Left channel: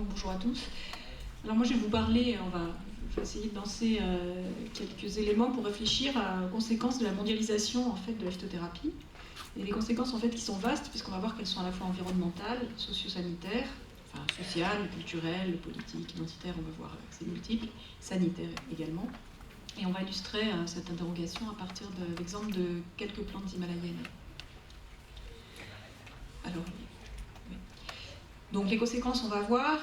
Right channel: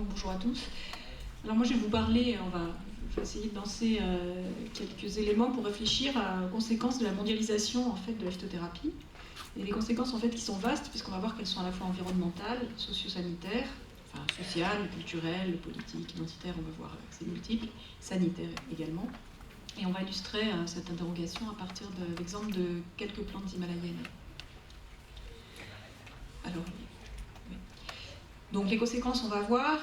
Donc bonjour à tous. Alors moi je vais vous parler, je vais essayer de lancer quelques éléments pour réfléchir aux conséquences de la mondialisation en fait de la phytothérapie. Et les conséquences en fait qui sont vastes puisqu'on va voir qu'elles sont à la fois environnementales, socio-sanitaires, enfin sociales, culturelles, politiques, identitaires, on va voir c'est multiple, sanitaires également. Et on va illustrer cette interrogation à partir de l'exemple de quelques plantes himalayennes. Alors, oui. Donc les conséquences, on va voir,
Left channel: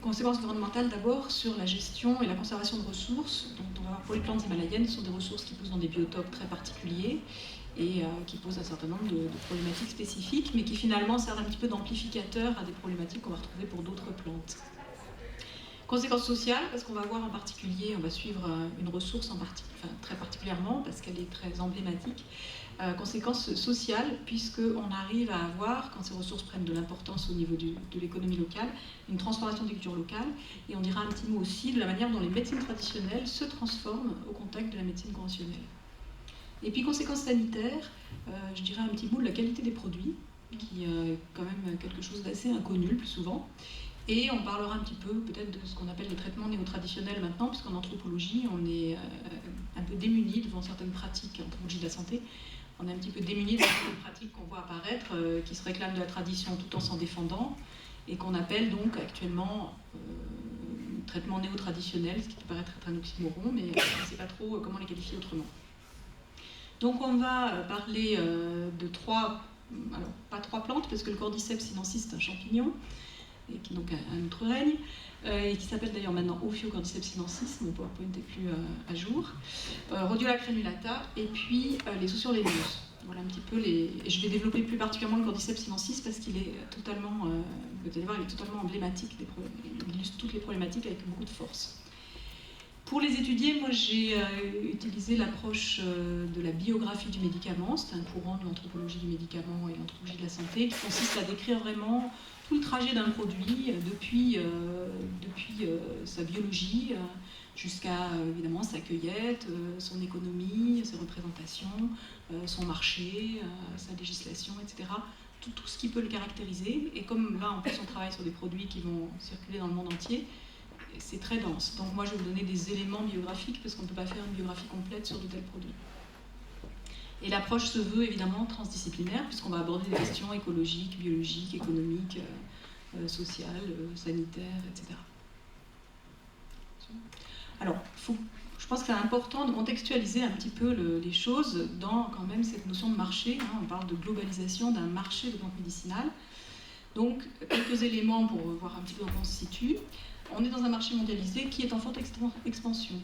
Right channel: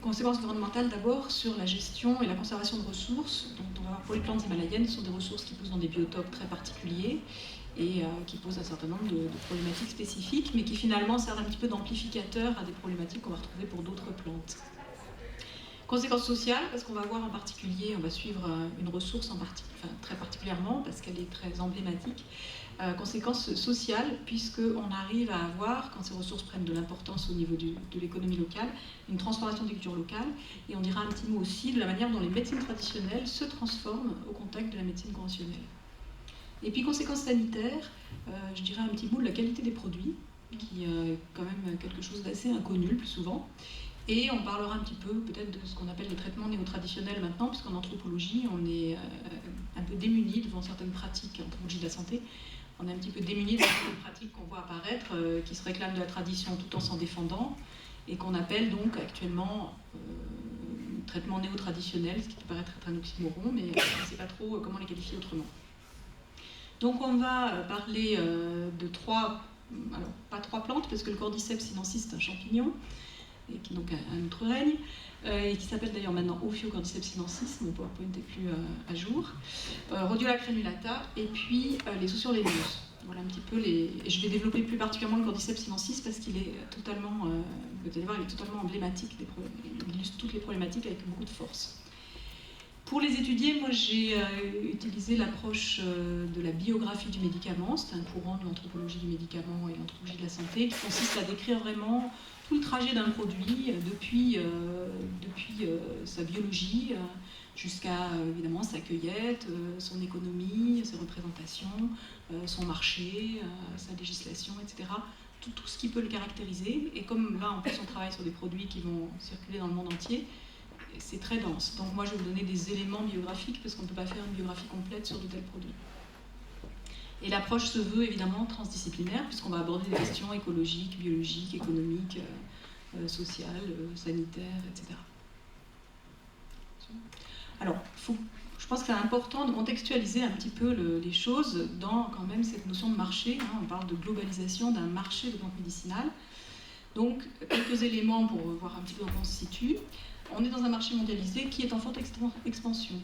conséquences environnementales d'abord sur la gestion et la conservation de ressources. Donc on va voir pour les plantes himalayennes, ce sont des ressources qui poussent dans des biotopes très particuliers et qui posent un certain nombre de problématiques spécifiques, mais qui finalement servent un petit peu d'amplificateur à des problématiques qu'on va retrouver pour d'autres plantes. Conséquences sociales, parce qu'on va voir en particulier, on va suivre une ressource très particulièrement, parce qu'elle est très emblématique. Conséquences sociales, puisqu'on arrive à avoir, quand ces ressources prennent de l'importance au niveau de l'économie locale, une transformation des cultures locales. Et on dira un petit mot aussi de la manière dont les médecines traditionnelles se transforment au contact de la médecine conventionnelle. Et puis conséquences sanitaires, je dirais un petit mot de la qualité des produits, qui est quand même quelque chose d'assez inconnu le plus souvent. Et on parlera un petit peu peut-être de ce qu'on appelle les traitements néo-traditionnels maintenant, puisqu'en anthropologie, on est un peu démunis devant certaines pratiques, en anthropologie de la santé, on est un petit peu démunis devant certaines pratiques qu'on voit apparaître, qui se réclament de la tradition tout en s'en défendant, et qu'on appelle donc actuellement traitements néo-traditionnels, ce qui peut paraître être un oxymoron, mais on ne sait pas trop comment les qualifier autrement. Donc on va parler de pas trois plantes, parce que le Cordyceps sinensis c'est un champignon, et qui donc a un autre règne, et qui s'appelle d'ailleurs maintenant Ophiocordyceps sinensis, mon PowerPoint n'est plus à jour, Rhodiola crenulata, et puis les Sociorhynchus. Voilà un petit peu et je vais développer plus particulièrement le Cordyceps sinensis parce qu'il est totalement, vous allez voir, il est totalement emblématique, il illustre toutes les problématiques avec beaucoup de force. Pour les étudier, moi j'ai utilisé l'approche de la biographie du médicament, c'est un courant de l'anthropologie du médicament et l'anthropologie de la santé qui consiste à décrire vraiment tout le trajet d'un produit depuis sa biologie jusqu'à évidemment sa cueillette, son économie, ses représentations, son marché, sa législation, etc. Tout ce qui peut le caractériser. Et comme là en plus on travaille sur des produits qui vont circuler dans le monde entier, c'est très dense. Donc moi je vais vous donner des éléments biographiques parce qu'on ne peut pas faire une biographie complète sur de tels produits. Et l'approche se veut évidemment transdisciplinaire puisqu'on va aborder des questions écologiques, biologiques, économiques, sociales, sanitaires, etc. Alors, je pense que c'est important de contextualiser un petit peu les choses dans quand même cette notion de marché. On parle de globalisation d'un marché de plantes médicinales. Donc, quelques éléments pour voir un petit peu où on se situe. On est dans un marché mondialisé qui est en forte expansion.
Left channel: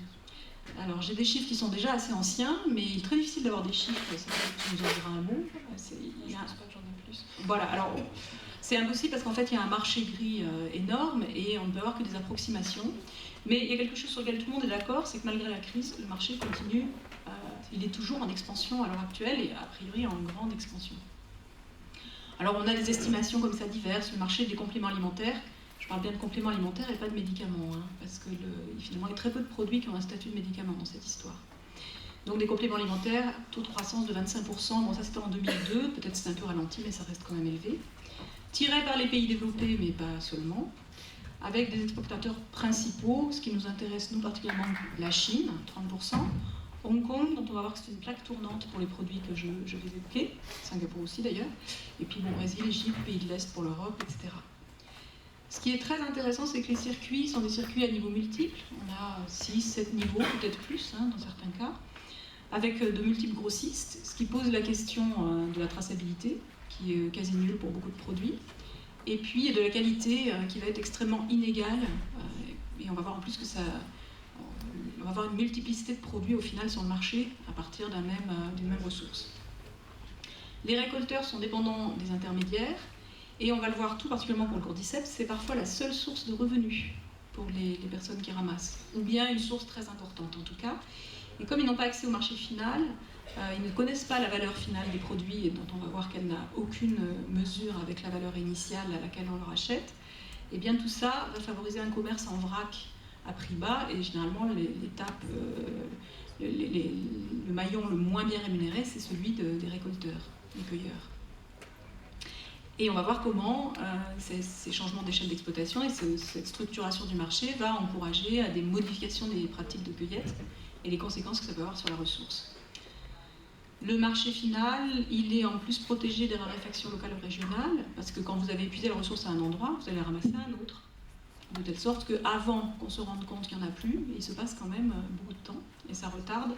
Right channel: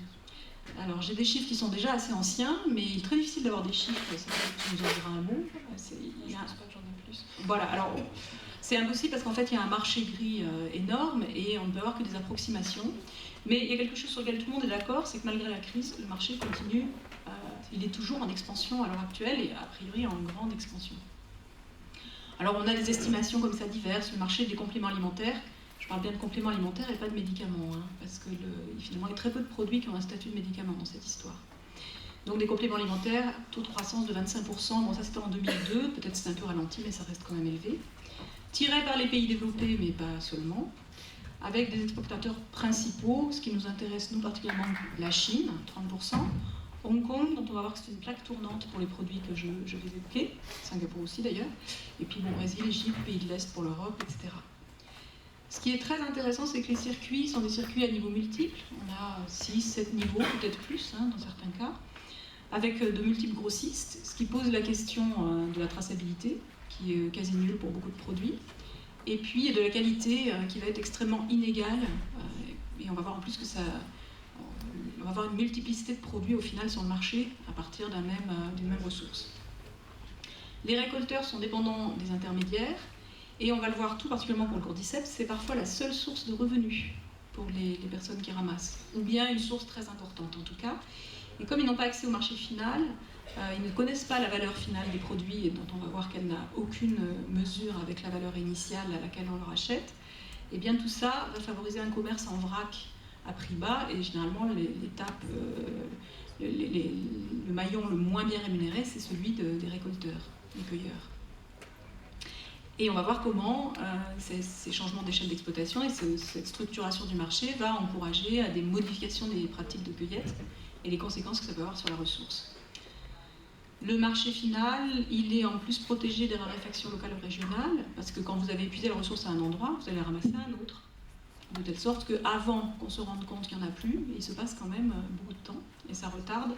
Alors, j'ai des chiffres qui sont déjà assez anciens, mais il est très difficile d'avoir des chiffres, ça tu nous en diras un mot. Je pense pas que j'en ai plus. Voilà, alors c'est impossible parce qu'en fait, il y a un marché gris énorme et on ne peut avoir que des approximations. Mais il y a quelque chose sur lequel tout le monde est d'accord, c'est que malgré la crise, le marché continue, il est toujours en expansion à l'heure actuelle et a priori en grande expansion. Alors, on a des estimations comme ça diverses, le marché des compléments alimentaires. Je parle bien de compléments alimentaires et pas de médicaments, parce que finalement, il y a très peu de produits qui ont un statut de médicament dans cette histoire. Donc des compléments alimentaires, taux de croissance de 25%, bon ça c'était en 2002, peut-être c'est un peu ralenti, mais ça reste quand même élevé. Tiré par les pays développés, mais pas seulement, avec des exportateurs principaux, ce qui nous intéresse nous particulièrement, la Chine, 30%, Hong Kong, dont on va voir que c'est une plaque tournante pour les produits que je vais évoquer, Singapour aussi d'ailleurs, et puis bon, Brésil, Égypte, pays de l'Est pour l'Europe, etc. Ce qui est très intéressant, c'est que les circuits sont des circuits à niveaux multiples. On a 6, 7 niveaux, peut-être plus dans certains cas, avec de multiples grossistes, ce qui pose la question de la traçabilité, qui est quasi nulle pour beaucoup de produits, et puis de la qualité qui va être extrêmement inégale, et on va voir en plus que on va avoir une multiplicité de produits au final sur le marché à partir d'une même ressource. Les récolteurs sont dépendants des intermédiaires, et on va le voir tout particulièrement pour le cordyceps, c'est parfois la seule source de revenus pour les personnes qui ramassent, ou bien une source très importante en tout cas. Et comme ils n'ont pas accès au marché final, ils ne connaissent pas la valeur finale des produits, et dont on va voir qu'elle n'a aucune mesure avec la valeur initiale à laquelle on leur achète, et bien tout ça va favoriser un commerce en vrac à prix bas, et généralement le maillon le moins bien rémunéré, c'est celui des récolteurs, des cueilleurs. Et on va voir comment ces changements d'échelle d'exploitation et cette structuration du marché va encourager à des modifications des pratiques de cueillette et les conséquences que ça peut avoir sur la ressource. Le marché final, il est en plus protégé des raréfactions locales ou régionales, parce que quand vous avez épuisé la ressource à un endroit, vous allez ramasser à un autre. De telle sorte qu'avant qu'on se rende compte qu'il n'y en a plus, il se passe quand même beaucoup de temps, et ça retarde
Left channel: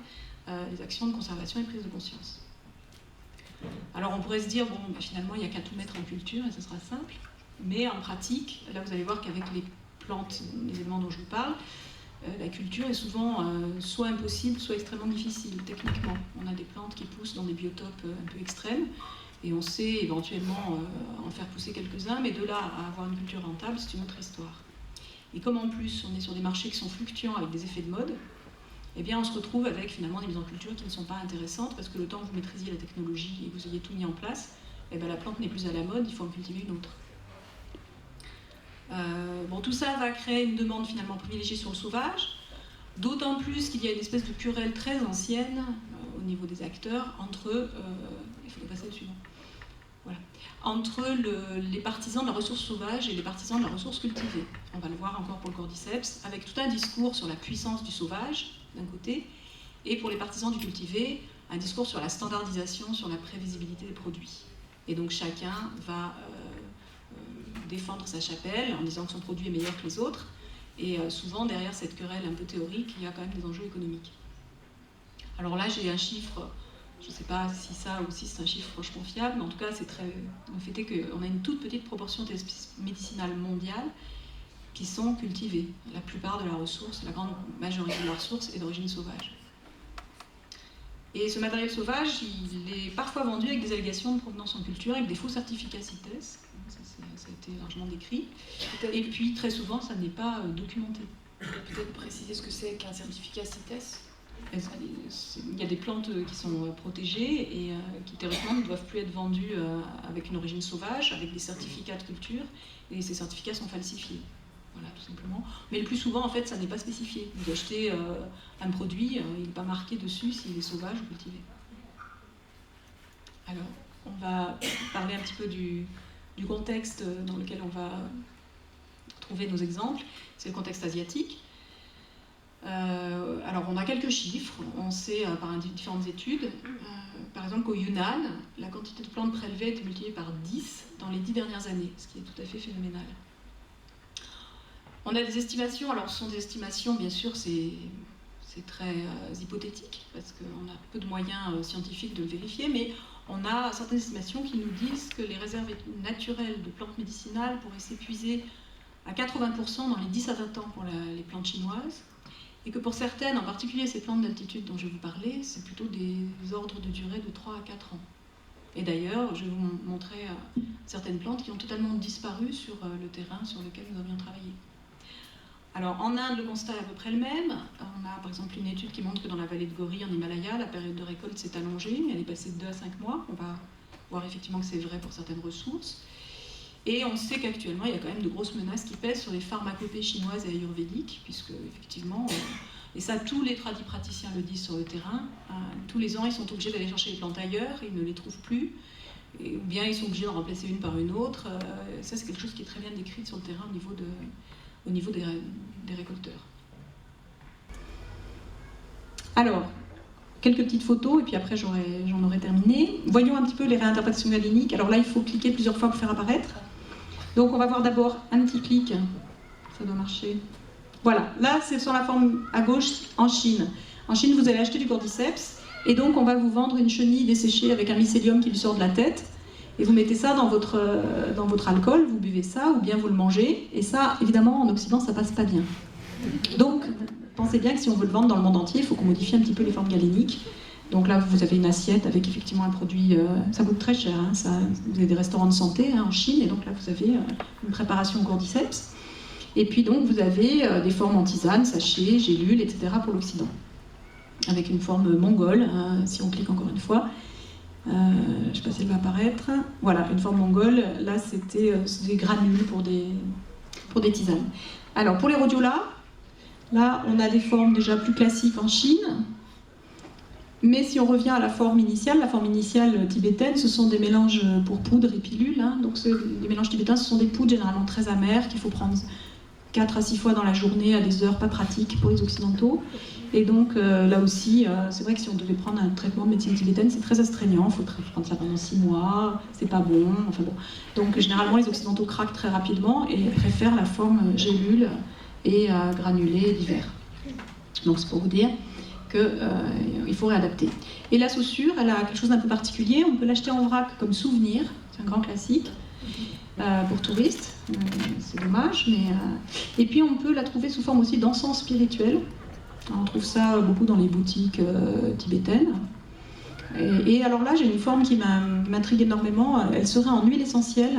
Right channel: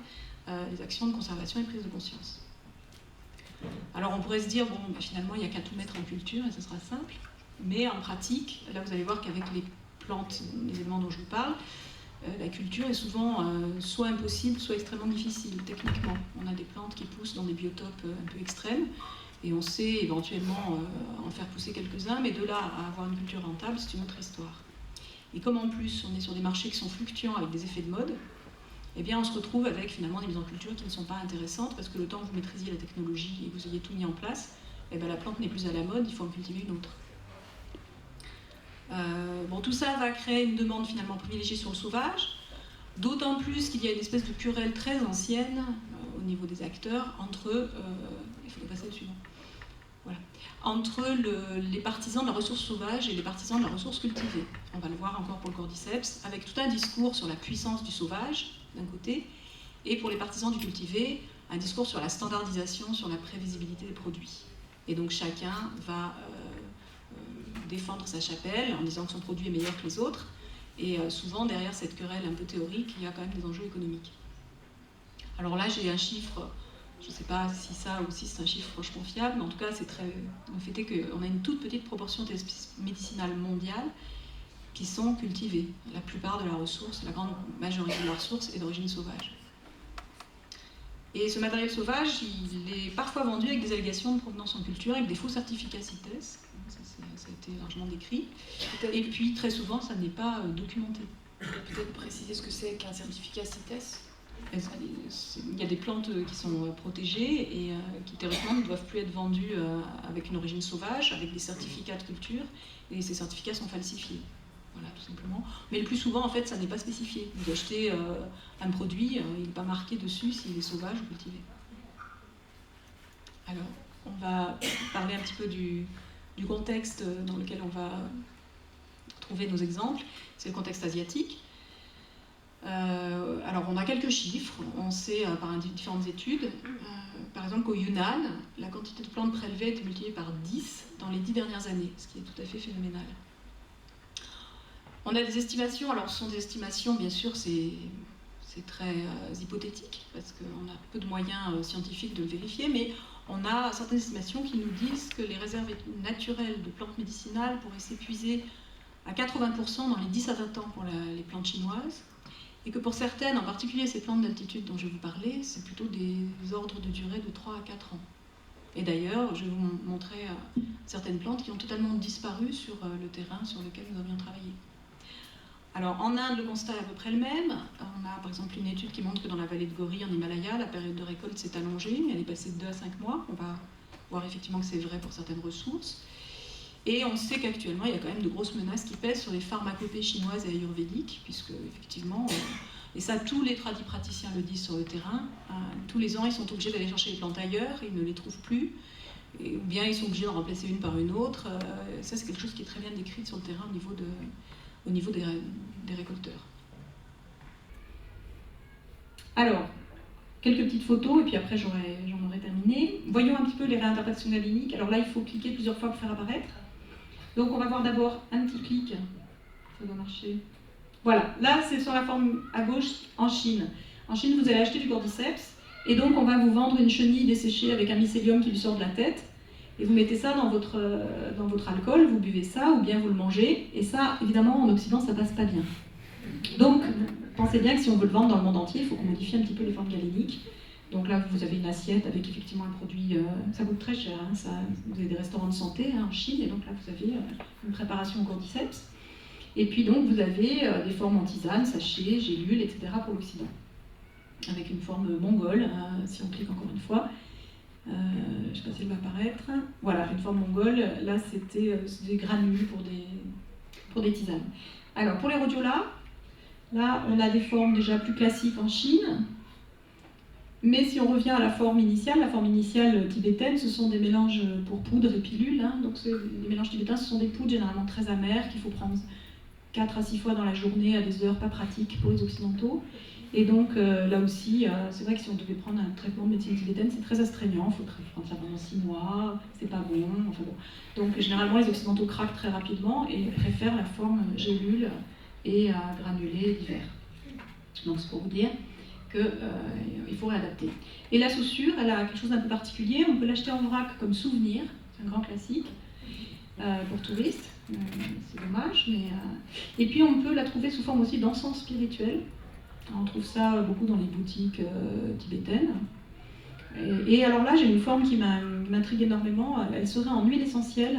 les actions de conservation et prise de conscience. Alors on pourrait se dire, bon, finalement, il n'y a qu'à tout mettre en culture et ce sera simple, mais en pratique, là vous allez voir qu'avec les plantes, les éléments dont je vous parle, la culture est souvent soit impossible, soit extrêmement difficile techniquement. On a des plantes qui poussent dans des biotopes un peu extrêmes, et on sait éventuellement en faire pousser quelques-uns, mais de là à avoir une culture rentable, c'est une autre histoire. Et comme en plus on est sur des marchés qui sont fluctuants avec des effets de mode, eh bien on se retrouve avec finalement des mises en culture qui ne sont pas intéressantes, parce que le temps que vous maîtrisiez la technologie et que vous ayez tout mis en place, eh bien la plante n'est plus à la mode, il faut en cultiver une autre. Bon, tout ça va créer une demande finalement privilégiée sur le sauvage, d'autant plus qu'il y a une espèce de querelle très ancienne au niveau des acteurs entre, il faut passer le suivant, voilà, entre les partisans de la ressource sauvage et les partisans de la ressource cultivée. On va le voir encore pour le cordyceps, avec tout un discours sur la puissance du sauvage, d'un côté, et pour les partisans du cultivé, un discours sur la standardisation, sur la prévisibilité des produits. Et donc chacun va défendre sa chapelle en disant que son produit est meilleur que les autres, et souvent derrière cette querelle un peu théorique, il y a quand même des enjeux économiques. Alors là j'ai un chiffre, je ne sais pas si ça aussi c'est un chiffre franchement fiable, mais en tout cas c'est très... Le fait est qu'on a une toute petite proportion d'espèces médicinales mondiales qui sont cultivées. La plupart de la ressource, la grande majorité de la ressource est d'origine sauvage. Et ce matériel sauvage, il est parfois vendu avec des allégations de provenance en culture, avec des faux certificats CITES, ça a été largement décrit, et puis très souvent ça n'est pas documenté. Peut-être préciser ce que c'est qu'un certificat CITES. Il y a des plantes qui sont protégées et qui théoriquement ne doivent plus être vendues avec une origine sauvage, avec des certificats de culture, et ces certificats sont falsifiés. Voilà, tout simplement. Mais le plus souvent, en fait, ça n'est pas spécifié. Vous achetez un produit, il n'est pas marqué dessus s'il est sauvage ou cultivé. Alors, on va parler un petit peu du contexte dans lequel on va trouver nos exemples. C'est le contexte asiatique. Alors, on a quelques chiffres. On sait par différentes études, par exemple qu'au Yunnan, la quantité de plantes prélevées a été multipliée par 10 dans les 10 dernières années, ce qui est tout à fait phénoménal. On a des estimations, alors ce sont des estimations, bien sûr, c'est très hypothétique, parce qu'on a peu de moyens scientifiques de le vérifier, mais on a certaines estimations qui nous disent que les réserves naturelles de plantes médicinales pourraient s'épuiser à 80% dans les 10 à 20 ans pour les plantes chinoises, et que pour certaines, en particulier ces plantes d'altitude dont je vais vous parler, c'est plutôt des ordres de durée de 3 à 4 ans. Et d'ailleurs, je vais vous montrer certaines plantes qui ont totalement disparu sur le terrain sur lequel nous avions travaillé. Alors en Inde, le constat est à peu près le même. On a par exemple une étude qui montre que dans la vallée de Gauri, en Himalaya, la période de récolte s'est allongée, elle est passée de 2 à 5 mois. On va voir effectivement que c'est vrai pour certaines ressources. Et on sait qu'actuellement, il y a quand même de grosses menaces qui pèsent sur les pharmacopées chinoises et ayurvédiques, puisque effectivement, et ça tous les praticiens le disent sur le terrain, tous les ans ils sont obligés d'aller chercher les plantes ailleurs, ils ne les trouvent plus, ou bien ils sont obligés d'en remplacer une par une autre. Ça c'est quelque chose qui est très bien décrit sur le terrain au niveau des récolteurs. Alors, quelques petites photos, et puis après j'en aurai terminé. Voyons un petit peu les réinterprétations galéniques. Alors là, il faut cliquer plusieurs fois pour faire apparaître. Donc on va voir d'abord un petit clic, ça doit marcher. Voilà, là c'est sur la forme à gauche en Chine. En Chine, vous allez acheter du cordyceps, et donc on va vous vendre une chenille desséchée avec un mycélium qui lui sort de la tête, et vous mettez ça dans votre alcool, vous buvez ça, ou bien vous le mangez, et ça, évidemment, en Occident, ça passe pas bien. Donc, pensez bien que si on veut le vendre dans le monde entier, il faut qu'on modifie un petit peu les formes galéniques. Donc là, vous avez une assiette avec effectivement un produit, ça coûte très cher, hein, vous avez des restaurants de santé en Chine, et donc là, vous avez une préparation au cordyceps. Et puis donc, vous avez des formes en tisane, sachets, gélules, etc. pour l'Occident. Avec une forme mongole, si on clique encore une fois. Je ne sais pas si elle va apparaître. Voilà, une forme mongole. Là, c'était des granules pour des tisanes. Alors, pour les rhodiola, là, on a des formes déjà plus classiques en Chine. Mais si on revient à la forme initiale tibétaine, ce sont des mélanges pour poudre et pilules. Hein. Donc les mélanges tibétains, ce sont des poudres généralement très amères qu'il faut prendre 4 à 6 fois dans la journée à des heures pas pratiques pour les occidentaux. Et donc là aussi, c'est vrai que si on devait prendre un traitement de médecine tibétaine, c'est très astreignant, il faut prendre ça pendant 6 mois, c'est pas bon, enfin bon. Donc généralement les occidentaux craquent très rapidement et préfèrent la forme gélule et granulée d'hiver. Donc c'est pour vous dire qu'il faut réadapter. Et la saussure, elle a quelque chose d'un peu particulier, on peut l'acheter en vrac comme souvenir, c'est un grand classique. Pour touristes, c'est dommage, mais... Et puis on peut la trouver sous forme aussi d'encens spirituel. On trouve ça beaucoup dans les boutiques tibétaines. Et alors là, j'ai une forme qui m'intrigue énormément. Elle serait en huile essentielle,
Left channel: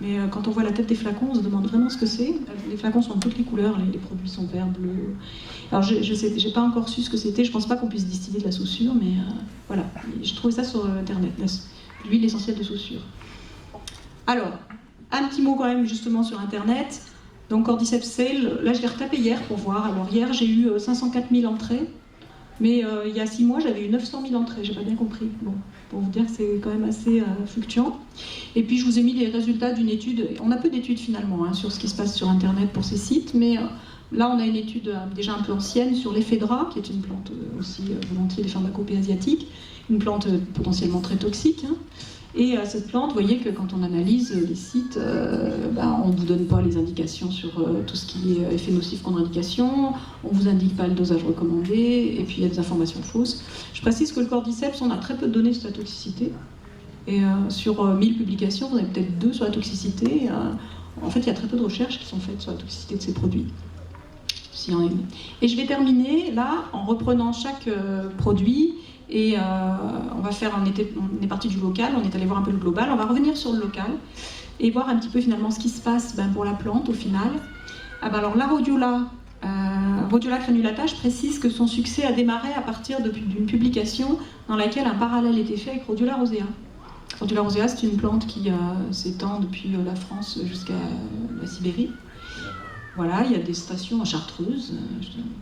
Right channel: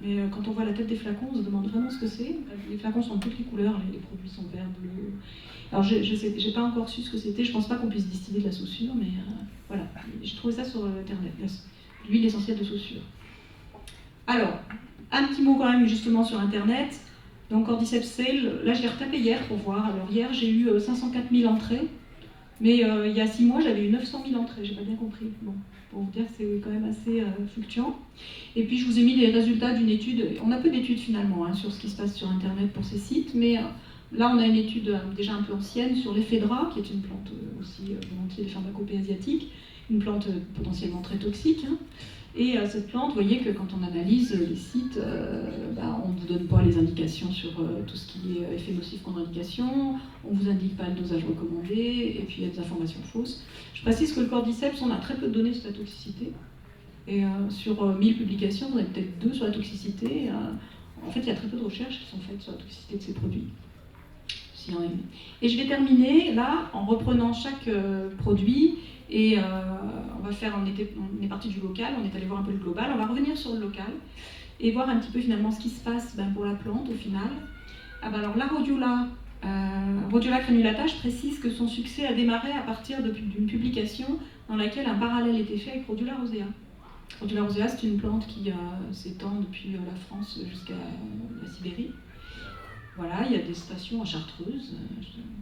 mais quand on voit la tête des flacons, on se demande vraiment ce que c'est. Les flacons sont de toutes les couleurs, les produits sont verts, bleus. Alors j'ai pas encore su ce que c'était, je pense pas qu'on puisse distiller de la saussure, mais voilà. J'ai trouvé ça sur internet, l'huile essentielle de saussure. Alors, un petit mot quand même justement sur internet. Donc Cordyceps sale, là je l'ai retapé hier pour voir. Alors hier j'ai eu 504 000 entrées, mais il y a 6 mois j'avais eu 900 000 entrées, j'ai pas bien compris. Bon, pour vous dire que c'est quand même assez fluctuant. Et puis je vous ai mis les résultats d'une étude, on a peu d'études finalement hein, sur ce qui se passe sur internet pour ces sites, mais là on a une étude déjà un peu ancienne sur l'éphédra, qui est une plante aussi volontiers des pharmacopées asiatiques, une plante potentiellement très toxique. Hein. Et cette plante, vous voyez que quand on analyse les sites, on ne vous donne pas les indications sur tout ce qui est effet nocif contre-indication, on ne vous indique pas le dosage recommandé, et puis il y a des informations fausses. Je précise que le cordyceps, on a très peu de données sur la toxicité. Et sur 1000 publications, vous avez peut-être 2 sur la toxicité. En fait, il y a très peu de recherches qui sont faites sur la toxicité de ces produits. S'il y en a une. Et je vais terminer là en reprenant chaque produit. Et on va faire, on est parti du local, on est allé voir un peu le global, on va revenir sur le local et voir un petit peu finalement ce qui se passe pour la plante au final. Alors la Rhodiola crenulata, je précise que son succès a démarré à partir d'une publication dans laquelle un parallèle était fait avec Rhodiola rosea. Rhodiola rosea, c'est une plante qui s'étend depuis la France jusqu'à la Sibérie. Voilà, il y a des stations en Chartreuse,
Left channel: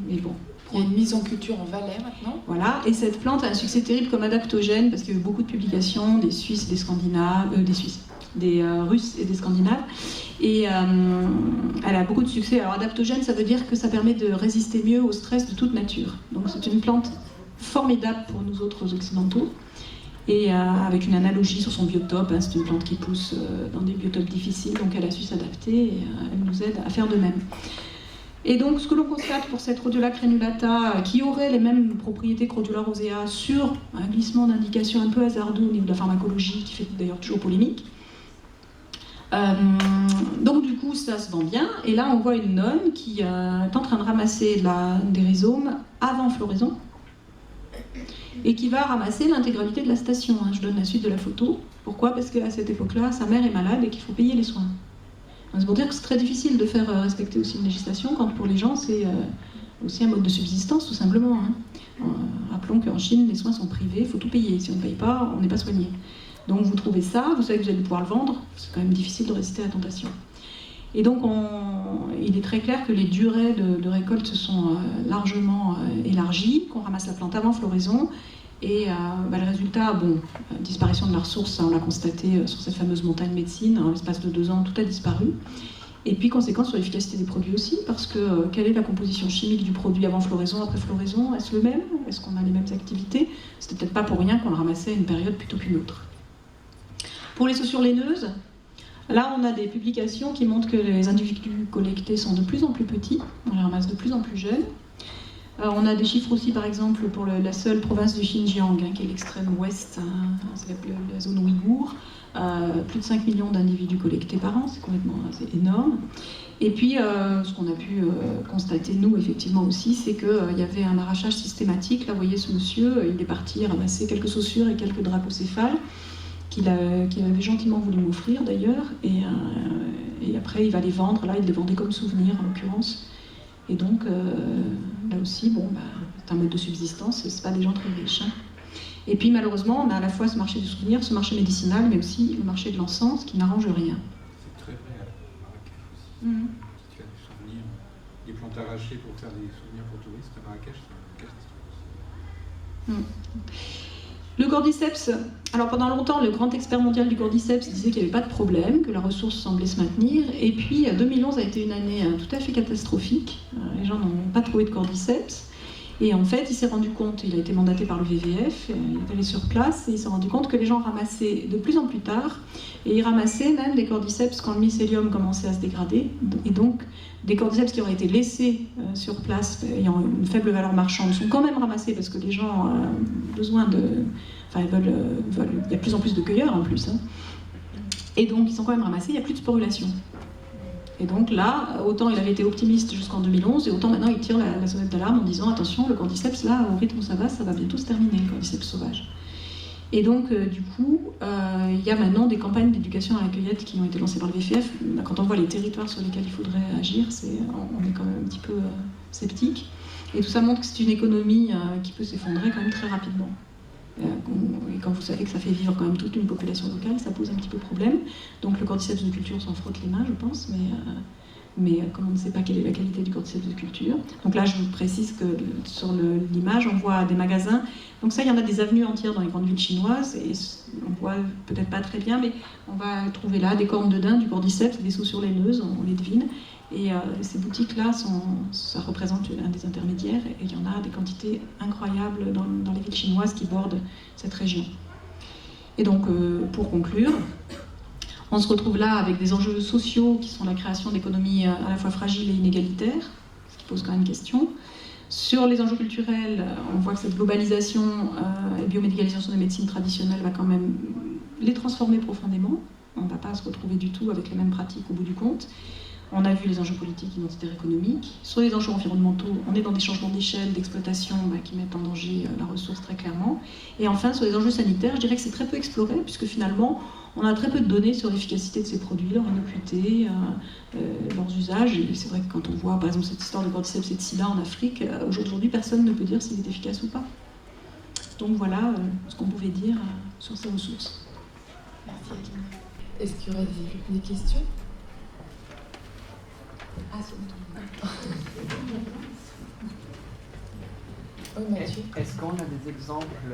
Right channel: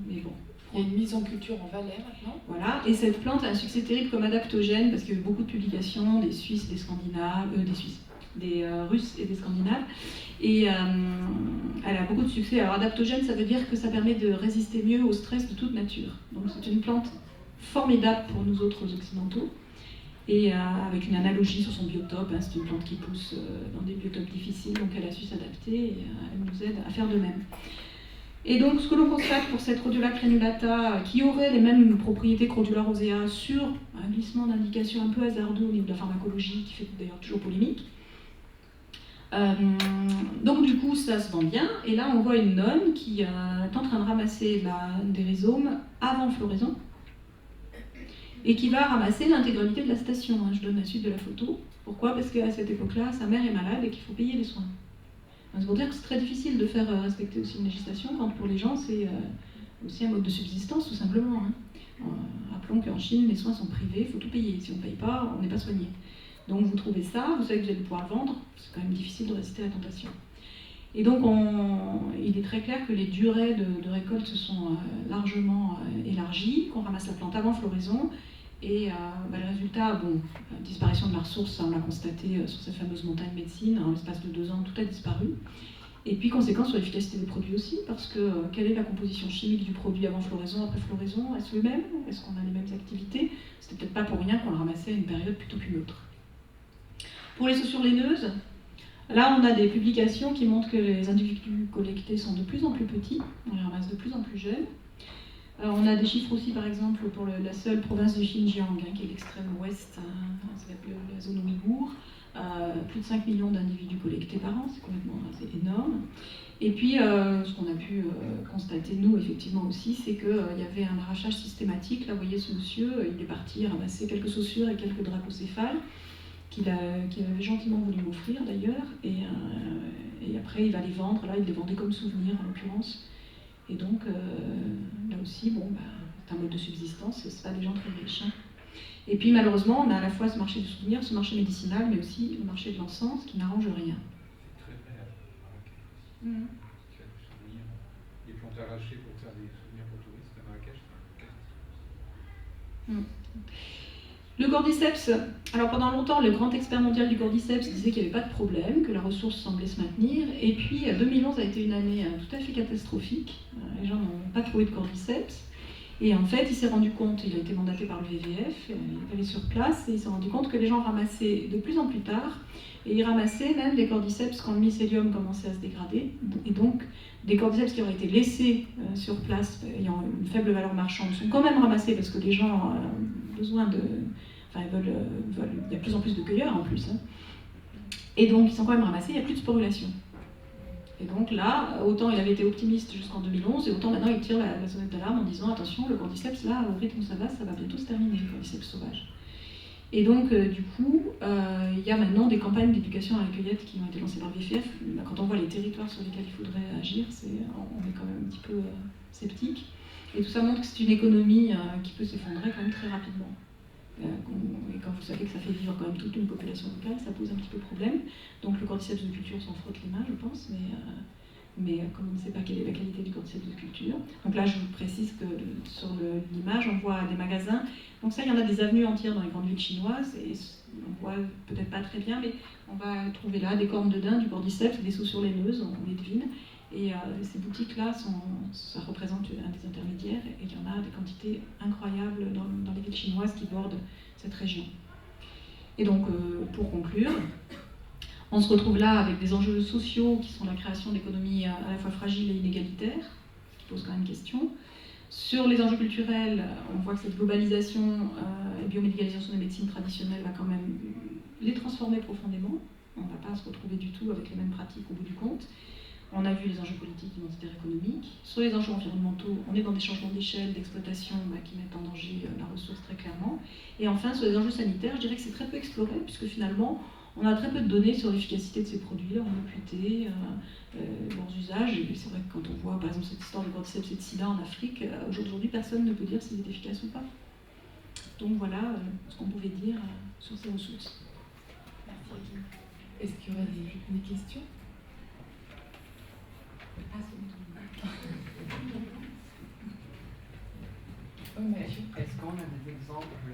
mais bon. Il y a une mise en culture en Valais maintenant. Voilà, et cette plante a un succès terrible comme adaptogène parce qu'il y a eu beaucoup de publications des Suisses, des Scandinaves, des Russes et des Scandinaves. Et elle a beaucoup de succès. Alors adaptogène, ça veut dire que ça permet de résister mieux au stress de toute nature. Donc c'est une plante formidable pour nous autres occidentaux. Et avec une analogie sur son biotope, hein, c'est une plante qui pousse dans des biotopes difficiles, donc elle a su s'adapter et elle nous aide à faire de même. Et donc, ce que l'on constate pour cette Rhodiola crenulata, qui aurait les mêmes propriétés que Rhodiola rosea sur un glissement d'indication un peu hasardeux au niveau de la pharmacologie, qui fait d'ailleurs toujours polémique. Donc, du coup, ça se vend bien. Et là, on voit une nonne qui est en train de ramasser des rhizomes avant floraison et qui va ramasser l'intégralité de la station. Hein. Je donne la suite de la photo. Pourquoi ? Parce qu'à cette époque-là, sa mère est malade et qu'il faut payer les soins. C'est pour dire que c'est très difficile de faire respecter aussi une législation quand pour les gens c'est aussi un mode de subsistance tout simplement. Hein. Rappelons qu'en Chine les soins sont privés, il faut tout payer. Si on ne paye pas, on n'est pas soigné. Donc vous trouvez ça, vous savez que vous allez pouvoir le vendre, c'est quand même difficile de résister à la tentation. Et donc il est très clair que les durées de récolte se sont largement élargies, qu'on ramasse la plante avant floraison. Et le résultat, disparition de la ressource, ça, on l'a constaté sur cette fameuse montagne médecine, en l'espace de 2 ans, tout a disparu. Et puis conséquence sur l'efficacité des produits aussi, parce que quelle est la composition chimique du produit avant floraison, après floraison? Est-ce le même? Est-ce qu'on a les mêmes activités? C'était peut-être pas pour rien qu'on le ramassait à une période plutôt qu'une autre. Pour les saussures laineuses, là on a des publications qui montrent que les individus collectés sont de plus en plus petits, on les ramasse de plus en plus jeunes. On a des chiffres aussi, par exemple, pour la seule province du Xinjiang, qui est l'extrême ouest, c'est la zone ouïghour. Plus de 5 millions d'individus collectés par an, c'est énorme. Et puis, ce qu'on a pu constater, nous, effectivement aussi, c'est qu'il y avait un arrachage systématique. Là, vous voyez ce monsieur, il est parti ramasser quelques saussures et quelques dracocéphales qu'il avait gentiment voulu m'offrir, d'ailleurs. Et après, il va les vendre. Là, il les vendait comme souvenir, en l'occurrence. Et donc, là aussi, c'est un mode de subsistance, c'est pas des gens très riches. Hein. Et puis, malheureusement, on a à la fois ce marché du souvenir, ce marché médicinal, mais aussi le marché de l'encens, qui n'arrange rien. C'est très vrai à Marrakech aussi. Si tu as des souvenirs, des plantes arrachées pour faire des souvenirs pour touristes, à Marrakech, c'est une catastrophe. Le cordyceps, alors pendant longtemps, le grand expert mondial du cordyceps disait qu'il n'y avait pas de problème, que la ressource semblait se maintenir, et puis 2011 a été une année tout à fait catastrophique. Les gens n'ont pas trouvé de cordyceps, et en fait, il s'est rendu compte, il a été mandaté par le WWF, il est allé sur place, et il s'est rendu compte que les gens ramassaient de plus en plus tard, et ils ramassaient même des cordyceps quand le mycélium commençait à se dégrader, et donc des cordyceps qui auraient été laissés sur place, ayant une faible valeur marchande, sont quand même ramassés parce que les gens ont besoin de... Enfin, il y a de plus en plus de cueilleurs en plus. Hein. Et donc, ils sont quand même ramassés, il n'y a plus de sporulation. Et donc là, autant il avait été optimiste jusqu'en 2011, et autant maintenant il tire la sonnette d'alarme en disant attention, le cordyceps, là, au rythme où ça va bientôt se terminer, le cordyceps sauvage. Et donc, du coup, il y a maintenant des campagnes d'éducation à la cueillette qui ont été lancées par le WWF. Quand on voit les territoires sur lesquels il faudrait agir, on est quand même un petit peu sceptique. Et tout ça montre que c'est une économie qui peut s'effondrer quand même très rapidement. Et quand vous savez que ça fait vivre quand même toute une population locale, ça pose un petit peu problème. Donc le cordyceps de culture s'en frotte les mains, je pense, mais comme on ne sait pas quelle est la qualité du cordyceps de culture. Donc là, je vous précise que sur l'image, on voit des magasins. Donc ça, il y en a des avenues entières dans les grandes villes chinoises, et on voit peut-être pas très bien, mais on va trouver là des cornes de daim, du cordyceps, des saussures laineuses, on les devine. Et ces boutiques-là, ça représente un des intermédiaires, et il y en a des quantités incroyables dans les villes chinoises qui bordent cette région. Et donc, pour conclure, on se retrouve là avec des enjeux sociaux qui sont la création d'économies à la fois fragiles et inégalitaires, ce qui pose quand même question. Sur les enjeux culturels, on voit que cette globalisation et biomédicalisation des médecines traditionnelles va quand même les transformer profondément. On ne va pas se retrouver du tout avec les mêmes pratiques au bout du compte. On a vu les enjeux politiques, identitaires, économiques. Sur les enjeux environnementaux, on est dans des changements d'échelle, d'exploitation qui mettent en danger la ressource très clairement. Et enfin, sur les enjeux sanitaires, je dirais que c'est très peu exploré, puisque finalement, on a très peu de données sur l'efficacité de ces produits, leur innocuité, leurs usages. Et c'est vrai que quand on voit, par exemple, cette histoire de cordyceps et de sida en Afrique, aujourd'hui, personne ne peut dire s'il est efficace ou pas. Donc voilà ce qu'on pouvait dire sur ces ressources. Merci, Akina. Est-ce qu'il y aurait des questions ? Ah, c'est bon. Oui, Mathieu. Est-ce qu'on a des exemples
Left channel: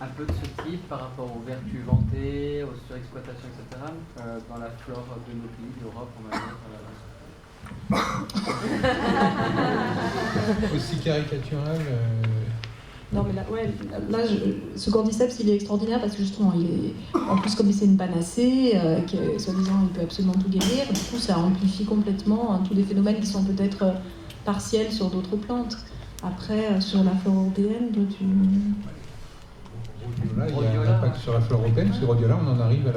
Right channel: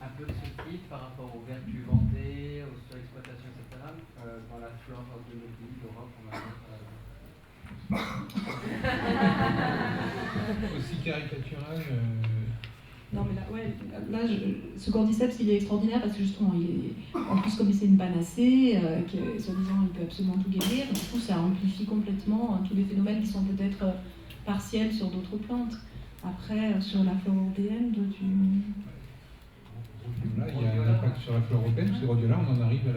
un peu de ce type par rapport aux vertus vantées, aux surexploitations, etc. Dans la flore de nos pays, d'Europe, on va dire Aussi caricatural Non, mais là ce cordyceps, il est extraordinaire parce que justement, en plus, comme c'est une panacée, que soi-disant il peut absolument tout guérir, du coup, ça amplifie complètement tous des phénomènes qui sont peut-être partiels sur d'autres plantes. Après, sur la flore européenne, Rhodiola, il y a un impact sur la flore européenne, parce que Rhodiola, on en arrive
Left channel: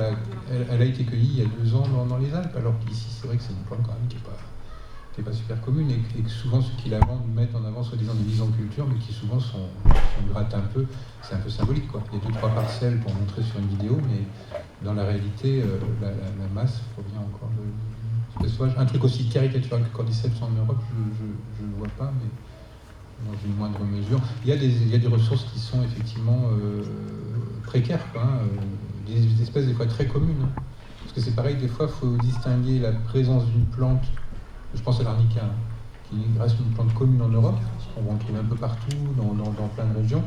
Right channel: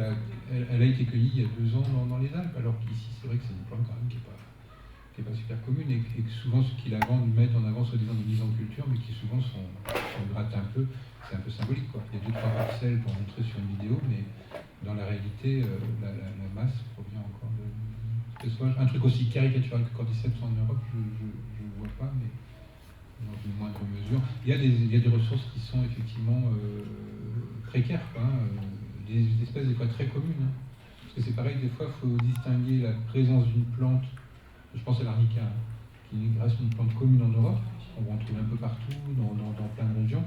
elle a été cueillie il y a 2 ans dans les Alpes, alors qu'ici, c'est vrai que c'est une plante quand même qui n'est pas super commune, et que souvent ceux qui la vendent mettent en avant soi-disant des mises en culture, mais qui souvent on gratte un peu, c'est un peu symbolique, quoi. Il y a 2-3 parcelles pour montrer sur une vidéo, mais dans la réalité, la masse provient encore de sauvages. Un truc aussi caricatural que cordyceps en Europe, je ne vois pas, mais dans une moindre mesure. Il y a des ressources qui sont effectivement précaires, quoi, hein, des espèces des fois très communes. Hein. Parce que c'est pareil, des fois, il faut distinguer la présence d'une plante, je pense à l'arnica, qui reste une plante commune en Europe, on va en trouver un peu partout, dans plein de régions,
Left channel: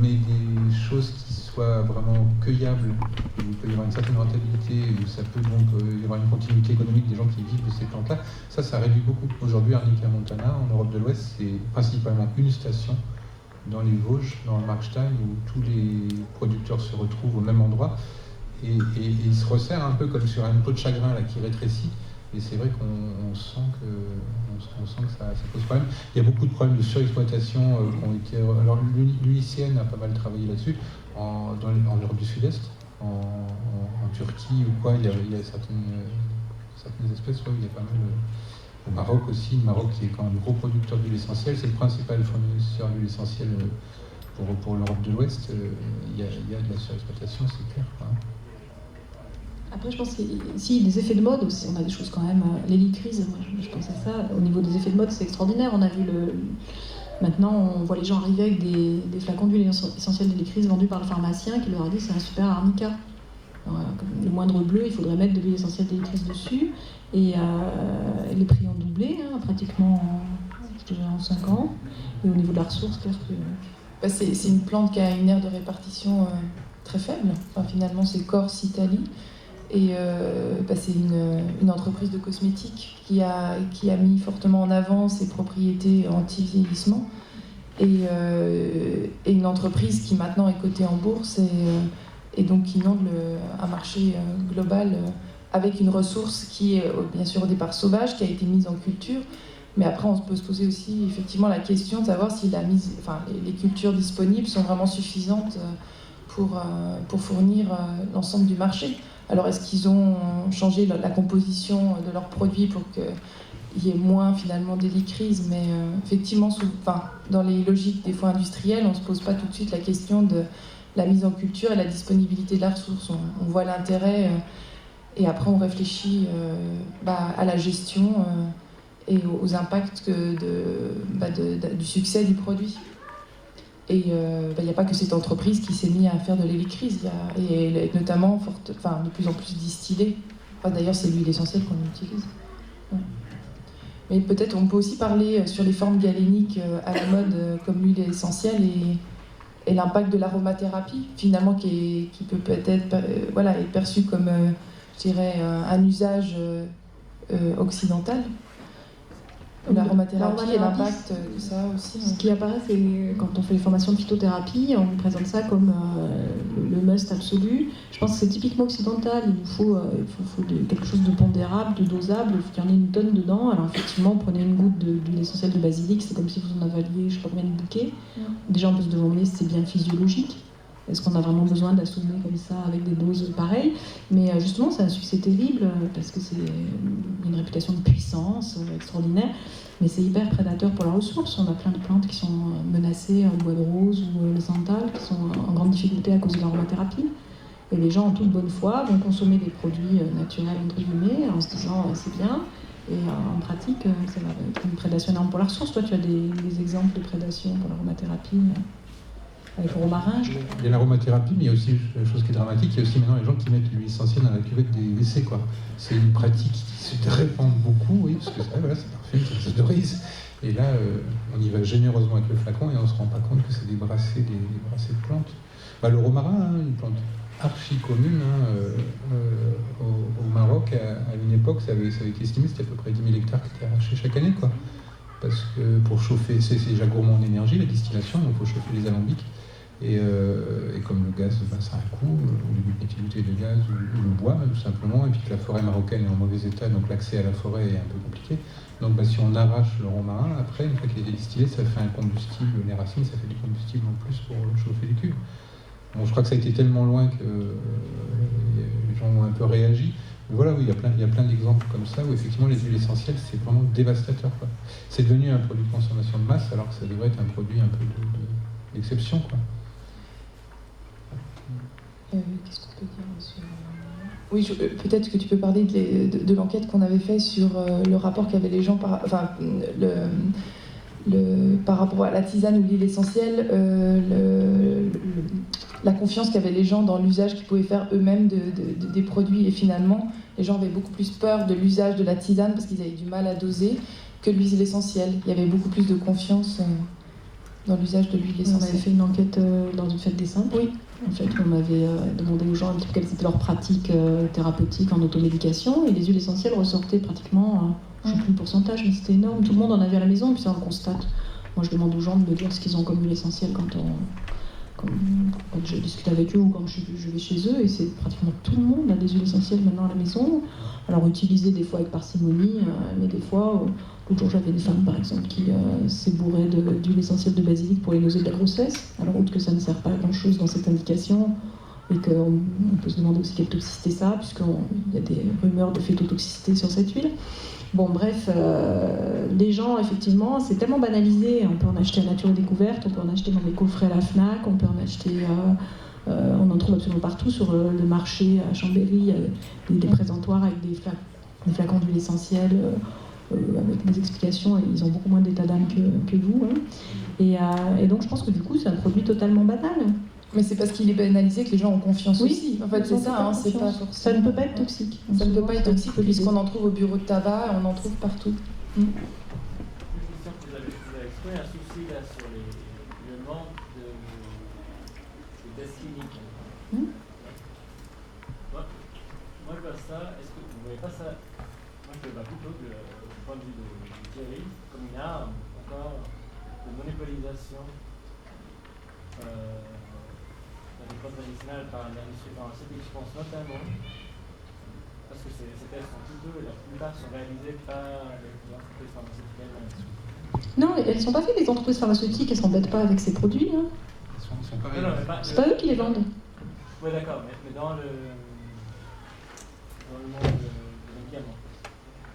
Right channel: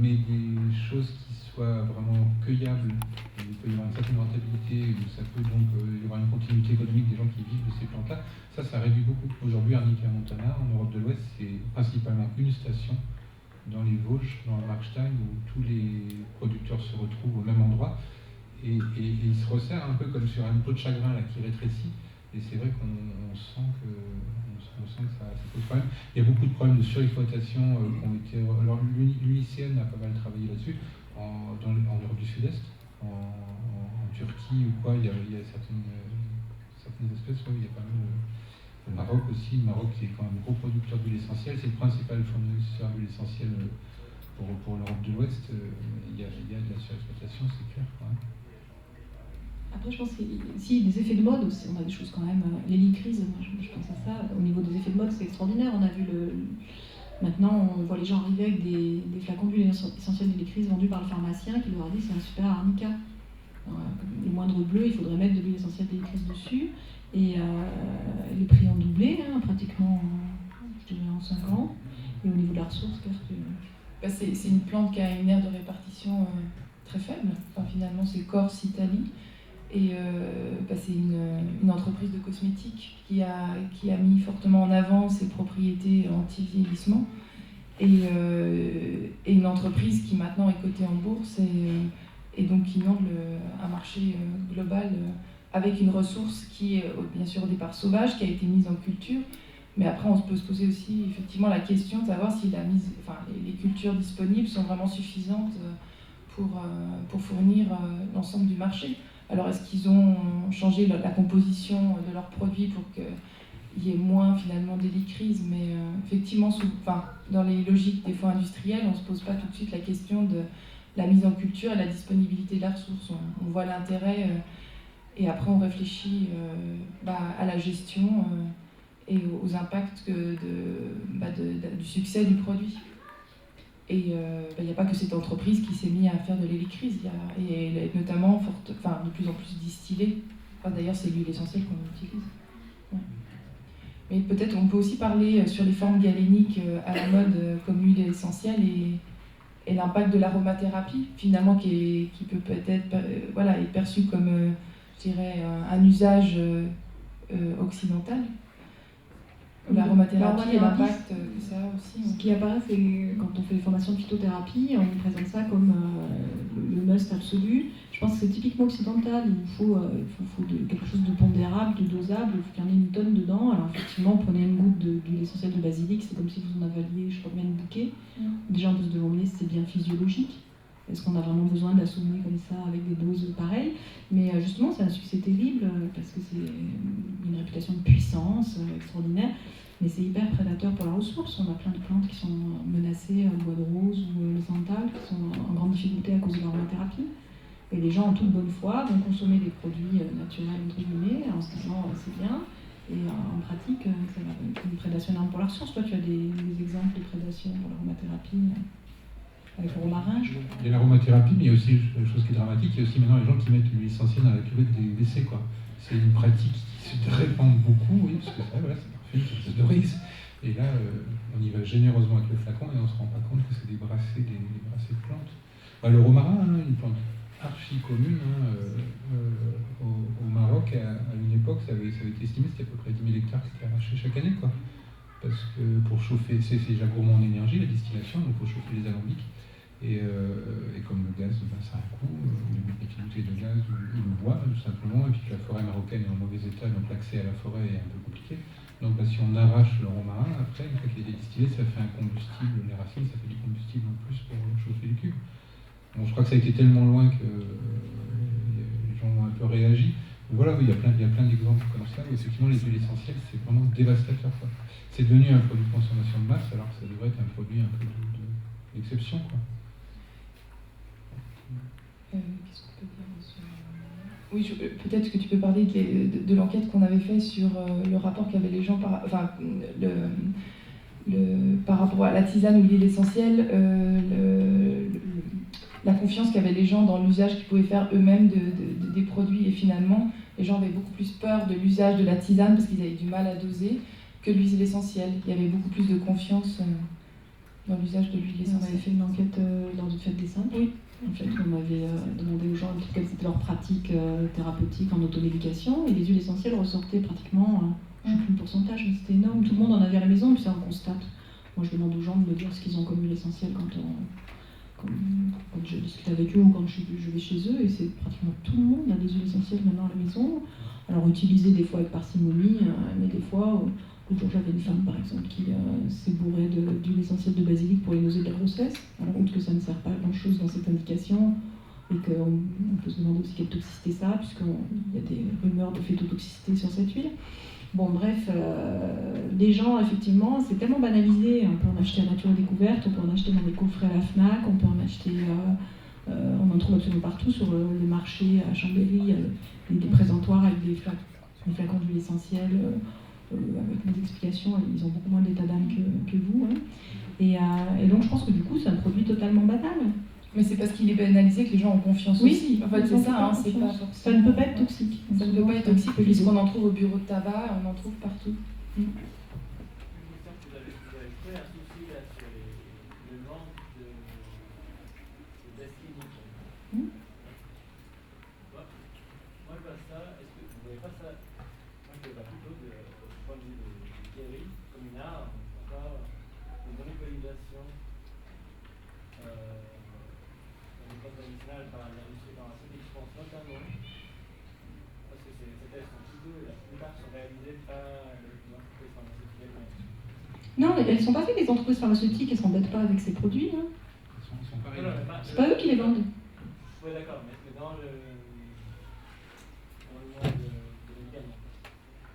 mais des choses qui soient vraiment cueillables, où il peut y avoir une certaine rentabilité, où ça peut donc y avoir une continuité économique des gens qui vivent de ces plantes-là, ça réduit beaucoup. Aujourd'hui, Arnica montana, en Europe de l'Ouest, c'est principalement une station dans les Vosges, dans le Markstein, où tous les producteurs se retrouvent au même endroit, et ils se resserrent un peu comme sur une peau de chagrin là, qui rétrécit. Et c'est vrai qu'on sent que ça pose problème. Il y a beaucoup de problèmes de surexploitation qui ont été... Alors l'UICN a pas mal travaillé là-dessus, en Europe du Sud-Est, en Turquie ou quoi, il y a certaines espèces où il y a pas mal... Au Maroc aussi, le Maroc qui est quand même gros producteur d'huile essentielle, c'est le principal fournisseur d'huile essentielle pour l'Europe de l'Ouest. Il y a de la surexploitation, c'est clair. Hein. Après, je pense qu'ici, des effets de mode aussi, on a des choses quand même. L'hélicryse, moi je pense à ça. Au niveau des effets de mode, c'est extraordinaire. On a vu maintenant, on voit les gens arriver avec des flacons d'huile essentielle d'hélicryse vendus par le pharmacien qui leur a dit c'est un super arnica. Alors, le moindre bleu, il faudrait mettre de l'huile essentielle d'hélicryse dessus. Et les prix ont doublé, pratiquement en 5 ans. Et au niveau de la ressource, clair que C'est une plante qui a une aire de répartition très faible. Enfin, finalement, c'est Corse, Italie. Et c'est une entreprise de cosmétiques qui a mis fortement en avant ses propriétés anti-vieillissement. Et une entreprise qui maintenant est cotée en bourse et donc qui inonde un marché global avec une ressource qui est bien sûr au départ sauvage, qui a été mise en culture. Mais après, on peut se poser aussi effectivement la question de savoir si les cultures disponibles sont vraiment suffisantes pour fournir l'ensemble du marché. Alors, est-ce qu'ils ont changé la composition de leurs produits pour qu'il y ait moins finalement d'hélicryse? Mais effectivement, dans les logiques des fois industrielles, on ne se pose pas tout de suite la question de la mise en culture et la disponibilité de la ressource. On voit l'intérêt et après on réfléchit à la gestion et aux impacts du succès du produit. Et il n'y a pas que cette entreprise qui s'est mise à faire de l'hélicryse, et notamment de plus en plus distillée. D'ailleurs, c'est l'huile essentielle qu'on utilise. Ouais. Mais peut-être on peut aussi parler sur les formes galéniques à la mode comme l'huile essentielle et l'impact de l'aromathérapie, finalement, qui peut peut-être être perçu comme, je dirais, un usage occidental. L'aromathérapie et l'impact que ça a aussi. Ce qui apparaît, c'est quand on fait les formations de phytothérapie, on nous présente ça comme le must absolu. Je pense que c'est typiquement occidental. Il faut quelque chose de pondérable, de dosable. Il faut qu'il y en ait une tonne dedans. Alors effectivement, vous prenez une goutte d'huile essentielle de basilic, c'est comme si vous en avaliez, je ne sais pas combien de bouquets. Déjà, on peut se demander si c'est bien physiologique. Est-ce qu'on a vraiment besoin d'assommer comme ça avec des doses pareilles? Mais justement, c'est un succès terrible parce que c'est une réputation de puissance extraordinaire, mais c'est hyper prédateur pour la ressource. On a plein de plantes qui sont menacées, le bois de rose ou le santal, qui sont en grande difficulté à cause de l'aromathérapie. Et les gens, en toute bonne foi, vont consommer des produits naturels, entre guillemets, en se disant c'est bien. Et en pratique, ça va être une prédation énorme pour la ressource. Toi, tu as des exemples de prédation pour l'aromathérapie avec le romarin, je crois. Il y a l'aromathérapie, mais il y a aussi la chose qui est dramatique, il y a aussi maintenant les gens qui mettent l'huile essentielle dans la cuvette des WC, quoi. C'est une pratique qui se répand beaucoup, oui, parce que c'est parfait, ça s'autorise. Et là, on y va généreusement avec le flacon et on ne se rend pas compte que c'est des brassées de plantes. Le romarin, une plante archi commune au Maroc, à une époque, ça avait été estimé, c'était à peu près 10 000 hectares qui étaient arrachés chaque année, quoi. Parce que pour chauffer, c'est déjà gourmand en énergie, la distillation, donc il faut chauffer les alambics. Et comme le gaz, ça a un coût, ou les bouteilles de gaz, ou le bois, tout simplement, et puis que la forêt marocaine est en mauvais état, donc l'accès à la forêt est un peu compliqué. Donc si on arrache le romarin, après, une fois qu'il est distillé, ça fait un combustible, les racines, ça fait du combustible en plus pour chauffer les cuves. Bon, je crois que ça a été tellement loin que les gens ont un peu réagi. Mais voilà, oui, il y a plein d'exemples comme ça, où effectivement les huiles essentielles, c'est vraiment dévastateur, quoi. C'est devenu un produit de consommation de masse, alors que ça devrait être un produit un peu d'exception, quoi. Qu'est-ce qu'on peut dire sur... Oui, peut-être que tu peux parler de l'enquête qu'on avait fait sur le rapport qu'avaient les gens par rapport à la tisane ou l'huile essentielle, la confiance qu'avaient les gens dans l'usage qu'ils pouvaient faire eux-mêmes des produits. Et finalement, les gens avaient beaucoup plus peur de l'usage de la tisane parce qu'ils avaient du mal à doser que de l'huile essentielle. Il y avait beaucoup plus de confiance dans l'usage de l'huile essentielle. On avait fait une enquête dans une fête des saints. Oui. En fait, on avait demandé aux gens un petit peu quelles étaient leurs pratiques thérapeutiques en automédication, et les huiles essentielles ressortaient pratiquement, je ne sais plus le pourcentage, mais c'était énorme. Tout le monde en avait à la maison, et puis ça on constate. Moi, je demande aux gens de me dire ce qu'ils ont comme huile essentielle quand je discute avec eux ou quand je vais chez eux, et c'est pratiquement tout le monde a des huiles essentielles maintenant à la maison. Alors utilisées des fois avec parcimonie, mais des fois, l'autre jour j'avais une femme par exemple qui s'est bourrée d'huile essentielle de basilic pour les nausées de la grossesse, alors outre que ça ne sert pas à grand chose dans cette indication, et qu'on peut se demander aussi quelle toxicité ça a, puisqu'il y a des rumeurs de phétotoxicité sur cette huile. Bon, bref, les gens, effectivement, c'est tellement banalisé. On peut en acheter à Nature et Découverte, on peut en acheter dans les coffrets à la FNAC, on peut en acheter, on en trouve absolument partout sur le marché à Chambéry, des présentoirs avec des flacons d'huile essentielle, avec des explications, et ils ont beaucoup moins d'état d'âme que vous. Hein. Et donc, je pense que du coup, c'est un produit totalement banal. Mais c'est parce qu'il est banalisé que les gens ont confiance aussi. En fait, c'est ça, hein, c'est pas forcément... Ça ne peut pas être toxique. Ça ne peut pas être toxique puisqu'on en trouve au bureau de tabac, on en trouve partout. Vous avez exprimé un souci là sur le manque de vois plutôt du point de vue de Thierry comme une arme encore de monopolisation des plantes médicinales par l'industrie pharmaceutique. Je pense notamment parce que ces tests sont coûteux et la plupart sont réalisés par les entreprises pharmaceutiques elles-mêmes. Non, mais elles ne sont pas faites, les entreprises pharmaceutiques, elles ne s'embêtent pas avec ces produits. Hein. Ils sont pareils. C'est pas eux qui les vendent. Oui, d'accord, mais dans le monde des médicaments,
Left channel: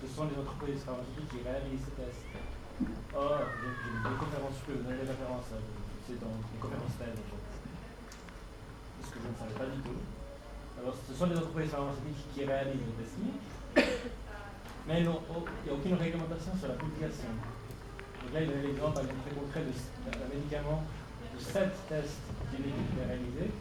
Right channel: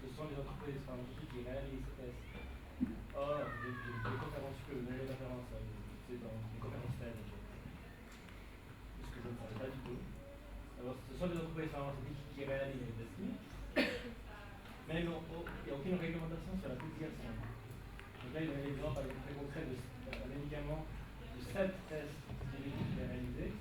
ce sont les entreprises pharmaceutiques qui réalisent ces tests. Or, j'ai des conférences, je peux vous donner des références, c'est dans les conférences TED en fait. Ce que je ne savais pas du tout. Alors, ce sont les entreprises pharmaceutiques qui réalisent les tests cliniques, mais il n'y a aucune réglementation sur la publication. Donc là, il donne l'exemple, par exemple, très concret d'un médicament de 7 tests cliniques qui étaient réalisés,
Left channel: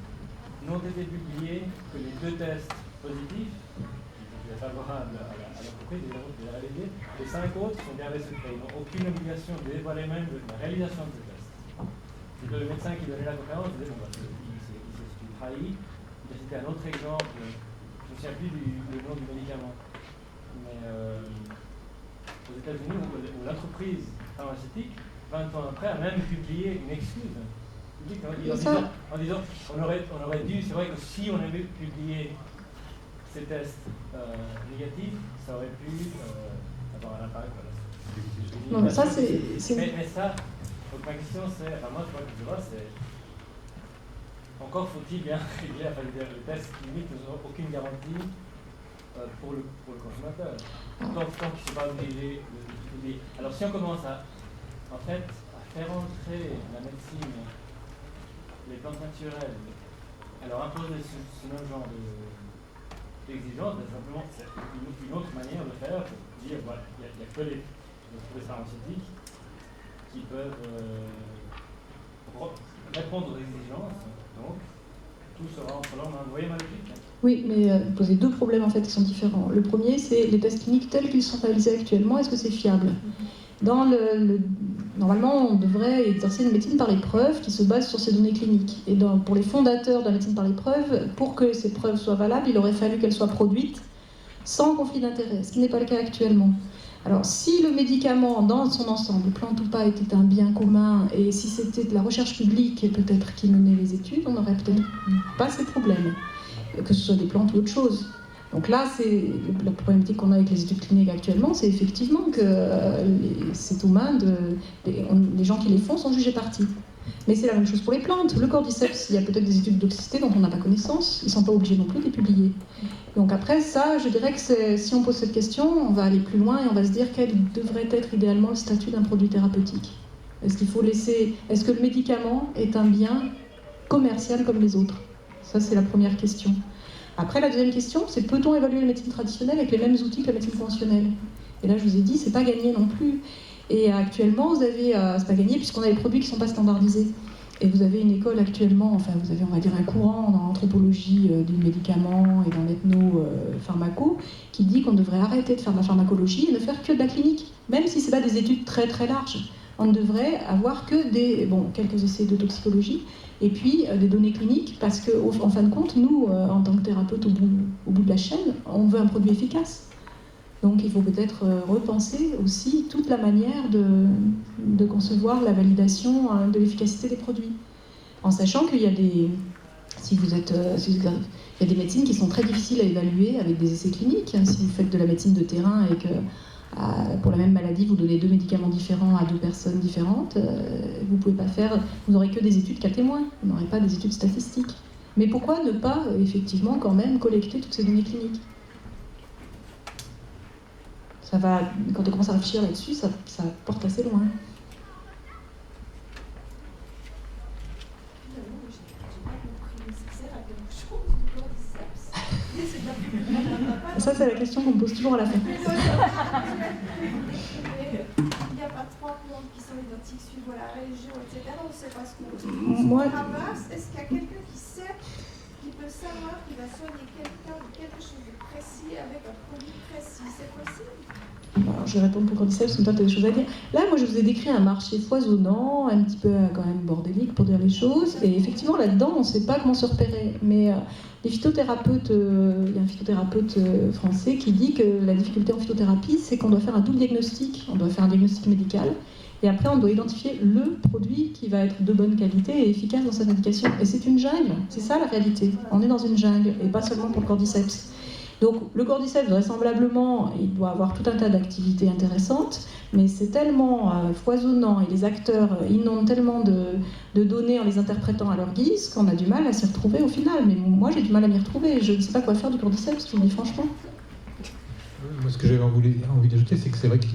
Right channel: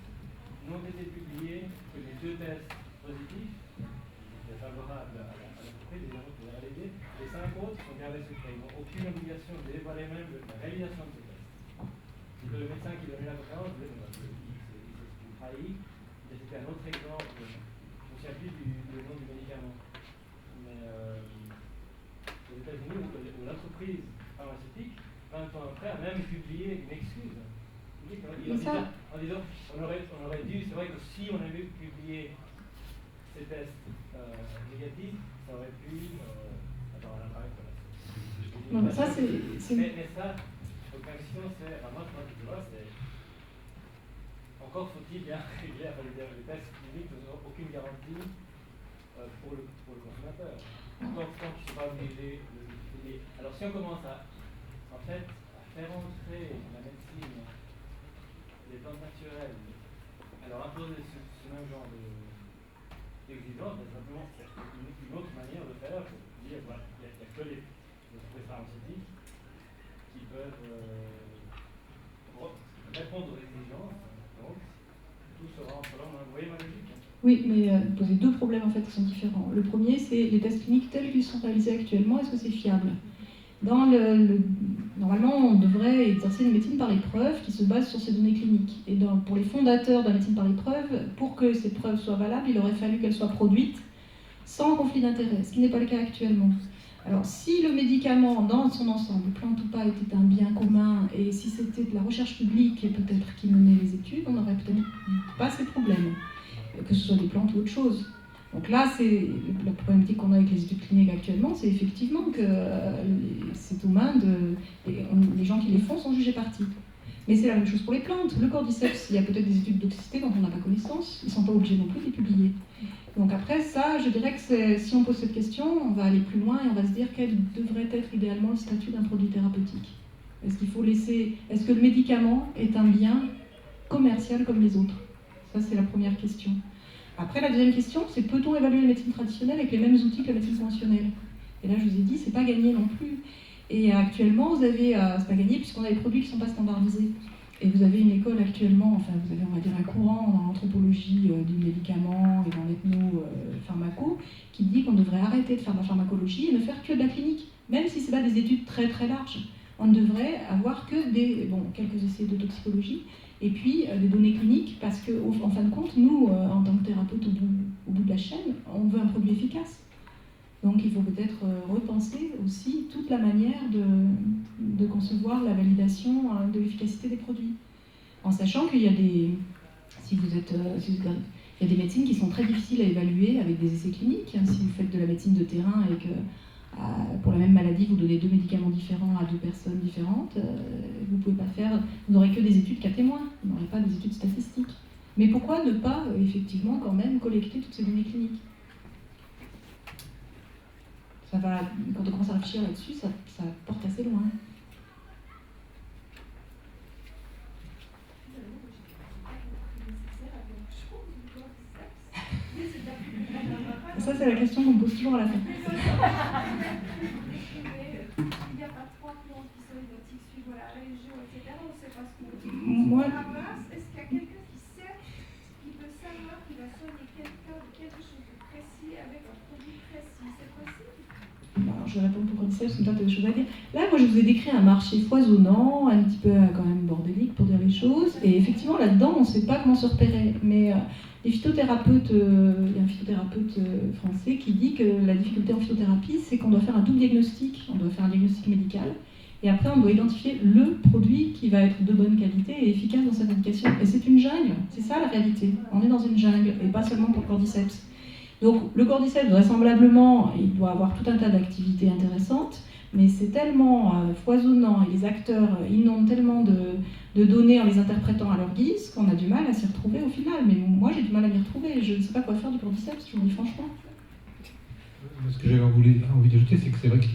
n'ont été publiés que les 2 tests positifs, qui étaient favorables à l'entreprise, les réalisés, les 5 autres sont gardés secrets. Ils n'ont aucune obligation de dévoiler même la réalisation de ces tests. C'est que le médecin qui donnait la conférence disait bon, il s'est trahi. Il a cité un autre exemple, je ne me souviens plus du nom du médicament, mais aux États-Unis, où l'entreprise pharmaceutique, 20 ans après, a même publié une excuse publique en disant on aurait dû, c'est vrai que si on avait publié ces tests négatifs, ça aurait pu avoir un impact. Non, mais ça, mais ça, donc ma question c'est, enfin moi je vois, c'est encore faut-il bien régler, enfin les tests cliniques n'ont aucune garantie pour le consommateur. Tant qu'il ne s'est pas obligé de publier. Alors si on commence à faire entrer la médecine, les plantes naturelles, alors imposer ce même genre d'exigence, simplement c'est une autre manière de faire pour dire voilà, il n'y a que les entreprises pharmaceutiques qui peuvent répondre aux exigences, donc tout sera entre leurs mains. Vous voyez ma logique ? Oui, mais vous posez 2 problèmes en fait qui sont différents. Le premier, c'est les tests cliniques tels qu'ils sont réalisés actuellement, est-ce que c'est fiable ? Normalement, on devrait exercer une médecine par les preuves qui se base sur ces données cliniques. Et pour les fondateurs de la médecine par les preuves, pour que ces preuves soient valables, il aurait fallu qu'elles soient produites sans conflit d'intérêts, ce qui n'est pas le cas actuellement. Alors, si le médicament, dans son ensemble, plante ou pas, était un bien commun, et si c'était de la recherche publique et peut-être qui menait les études, on n'aurait peut-être pas ces problèmes, que ce soit des plantes ou autre chose. Donc là, c'est la problématique qu'on a avec les études cliniques actuellement, c'est effectivement que c'est aux mains les gens qui les font sont jugés partis. Mais c'est la même chose pour les plantes. Le cordyceps, il y a peut-être des études d'toxicité dont on n'a pas connaissance. Ils ne sont pas obligés non plus de les publier. Donc après, ça, je dirais que si on pose cette question, on va aller plus loin et on va se dire quel devrait être idéalement le statut d'un produit thérapeutique. Est-ce que le médicament est un bien commercial comme les autres ? Ça, c'est la première question. Après, la deuxième question, c'est peut-on évaluer la médecine traditionnelle avec les mêmes outils que la médecine conventionnelle ? Et là, je vous ai dit, c'est pas gagné non plus. Et actuellement, c'est pas gagné puisqu'on a des produits qui ne sont pas standardisés. Et vous avez une école actuellement, enfin, vous avez, on va dire, un courant dans l'anthropologie du médicament et dans l'ethno-pharmaco qui dit qu'on devrait arrêter de faire de la pharmacologie et ne faire que de la clinique, même si ce n'est pas des études très très larges. On ne devrait avoir que quelques essais de toxicologie et puis des données cliniques, parce qu'en fin de compte, nous, en tant que thérapeutes au bout de la chaîne, on veut un produit efficace. Donc il faut peut-être repenser aussi toute la manière de concevoir la validation de l'efficacité des produits. En sachant qu'il y a il y a des médecines qui sont très difficiles à évaluer avec des essais cliniques. Si vous faites de la médecine de terrain et que pour la même maladie, vous donnez 2 médicaments différents à 2 personnes différentes, vous n'aurez que des études cas témoins, vous n'aurez pas des études statistiques. Mais pourquoi ne pas, effectivement, quand même, collecter toutes ces données cliniques ? Quand on commence à réfléchir là-dessus, ça porte assez loin. Ça, c'est la question qu'on me pose toujours à la fin. Il n'y a pas 3 plantes qui sont identiques suivant la région, etc. On ne sait pas ce qu'on ramasse. Est-ce qu'il y a quelqu'un qui peut savoir qu'il va soigner quelqu'un de quelque chose de précis avec un produit précis ? C'est possible ? alors je vais répondre pour Cordyceps, mais toi tu as des choses à dire. Là, moi je vous ai décrit un marché foisonnant, un petit peu quand même bordélique pour dire les choses, et effectivement là-dedans on ne sait pas comment se repérer. Mais les phytothérapeutes, il y a un phytothérapeute français qui dit que la difficulté en phytothérapie, c'est qu'on doit faire un double diagnostic. On doit faire un diagnostic médical, et après on doit identifier le produit qui va être de bonne qualité et efficace dans sa médication. Et c'est une jungle, c'est ça la réalité. On est dans une jungle, et pas seulement pour le Cordyceps. Donc le Cordyceps, vraisemblablement, il doit avoir tout un tas d'activités intéressantes, mais c'est tellement foisonnant et les acteurs inondent tellement de données en les interprétant à leur guise qu'on a du mal à s'y retrouver au final. Mais moi j'ai du mal à m'y retrouver, je ne sais pas quoi faire du Cordyceps, je vous le dis franchement. Moi, ce que j'avais envie d'ajouter, c'est que c'est vrai que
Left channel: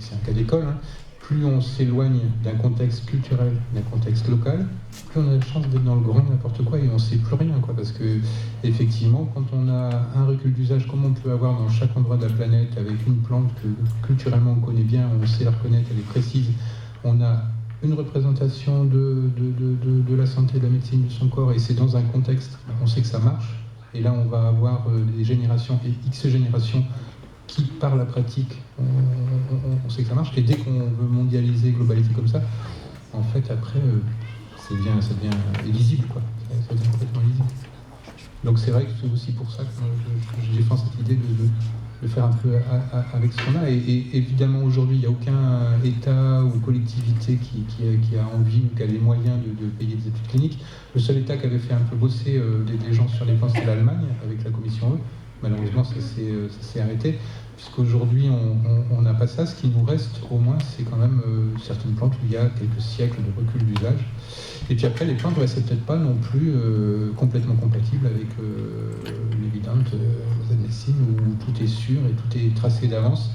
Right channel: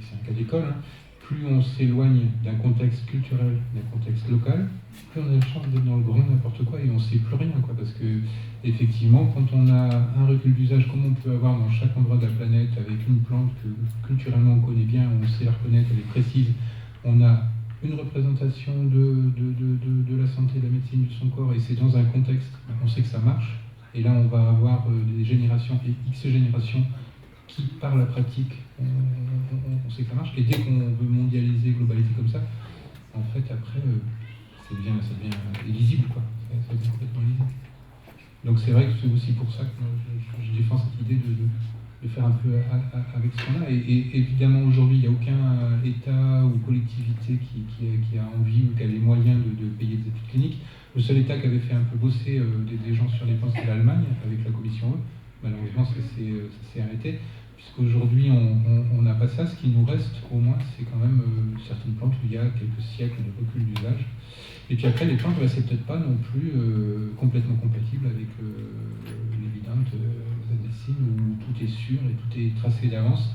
c'est un cas d'école. Hein. Plus on s'éloigne d'un contexte culturel, d'un contexte local, plus on a la chance d'être dans le grand n'importe quoi et on ne sait plus rien. Parce que, effectivement, quand on a un recul d'usage, comme on peut avoir dans chaque endroit de la planète, avec une plante que culturellement on connaît bien, on sait la reconnaître, elle est précise, on a une représentation de la santé, de la médecine, de son corps, et c'est dans un contexte, on sait que ça marche. Et là, on va avoir des générations et X générations qui, par la pratique, on sait que ça marche. Et dès qu'on veut mondialiser, globaliser comme ça, en fait, après, ça devient illisible, quoi. Ça devient complètement illisible. Donc c'est vrai que c'est aussi pour ça que je défends cette idée de faire un peu avec ce qu'on a. Et évidemment, aujourd'hui, il n'y a aucun État ou collectivité qui a envie ou qui a les moyens de payer des études cliniques. Le seul État qui avait fait un peu bosser des gens sur les plans, c'est l'Allemagne, avec la commission E. Malheureusement, ça s'est arrêté, puisqu'aujourd'hui, on n'a pas ça. Ce qui nous reste, au moins, c'est quand même certaines plantes où il y a quelques siècles de recul d'usage. Et puis après, les plantes, c'est peut-être pas non plus complètement compatible avec l'évidente médecine, où tout est sûr et tout est tracé d'avance.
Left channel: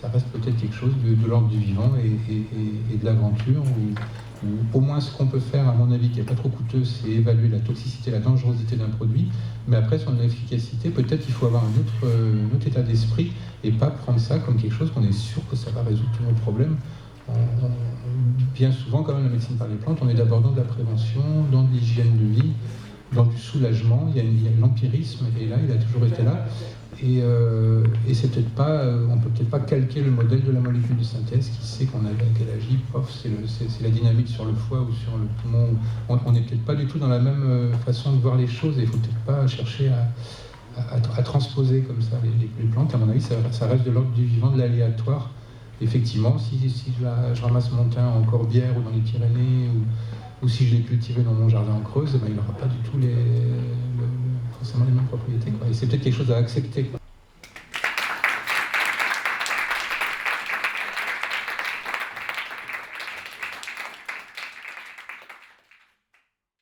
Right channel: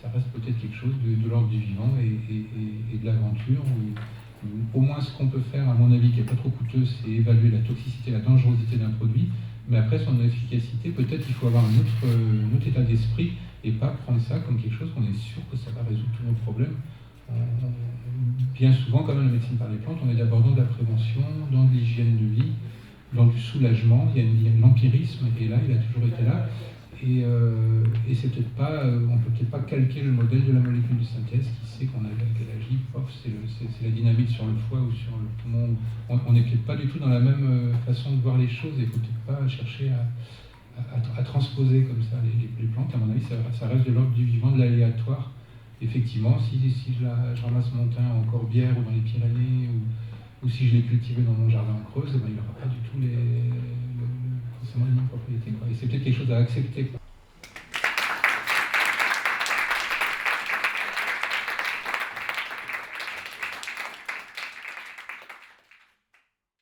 Ça reste peut-être quelque chose de l'ordre du vivant et de l'aventure, où au moins ce qu'on peut faire, à mon avis, qui n'est pas trop coûteux, c'est évaluer la toxicité, la dangerosité d'un produit. Mais après, son efficacité, peut-être qu'il faut avoir un autre état d'esprit et pas prendre ça comme quelque chose qu'on est sûr que ça va résoudre tous nos problèmes. Bien souvent, quand même, la médecine par les plantes, on est d'abord dans de la prévention, dans de l'hygiène de vie, dans du soulagement. Il y a l'empirisme, et là, il a toujours été là. Et c'est peut-être pas, on peut peut-être pas calquer le modèle de la molécule de synthèse qui sait qu'elle agit, c'est la dynamique sur le foie ou sur le poumon. On n'est peut-être pas du tout dans la même façon de voir les choses, et il ne faut peut-être pas chercher à transposer comme ça les plantes. À mon avis, ça reste de l'ordre du vivant, de l'aléatoire. Effectivement, si je ramasse mon thym en Corbière ou dans les Pyrénées, ou si je l'ai cultivé dans mon jardin en Creuse, il n'aura pas du tout forcément les mêmes propriétés, quoi. Et c'est peut-être quelque chose à accepter, quoi.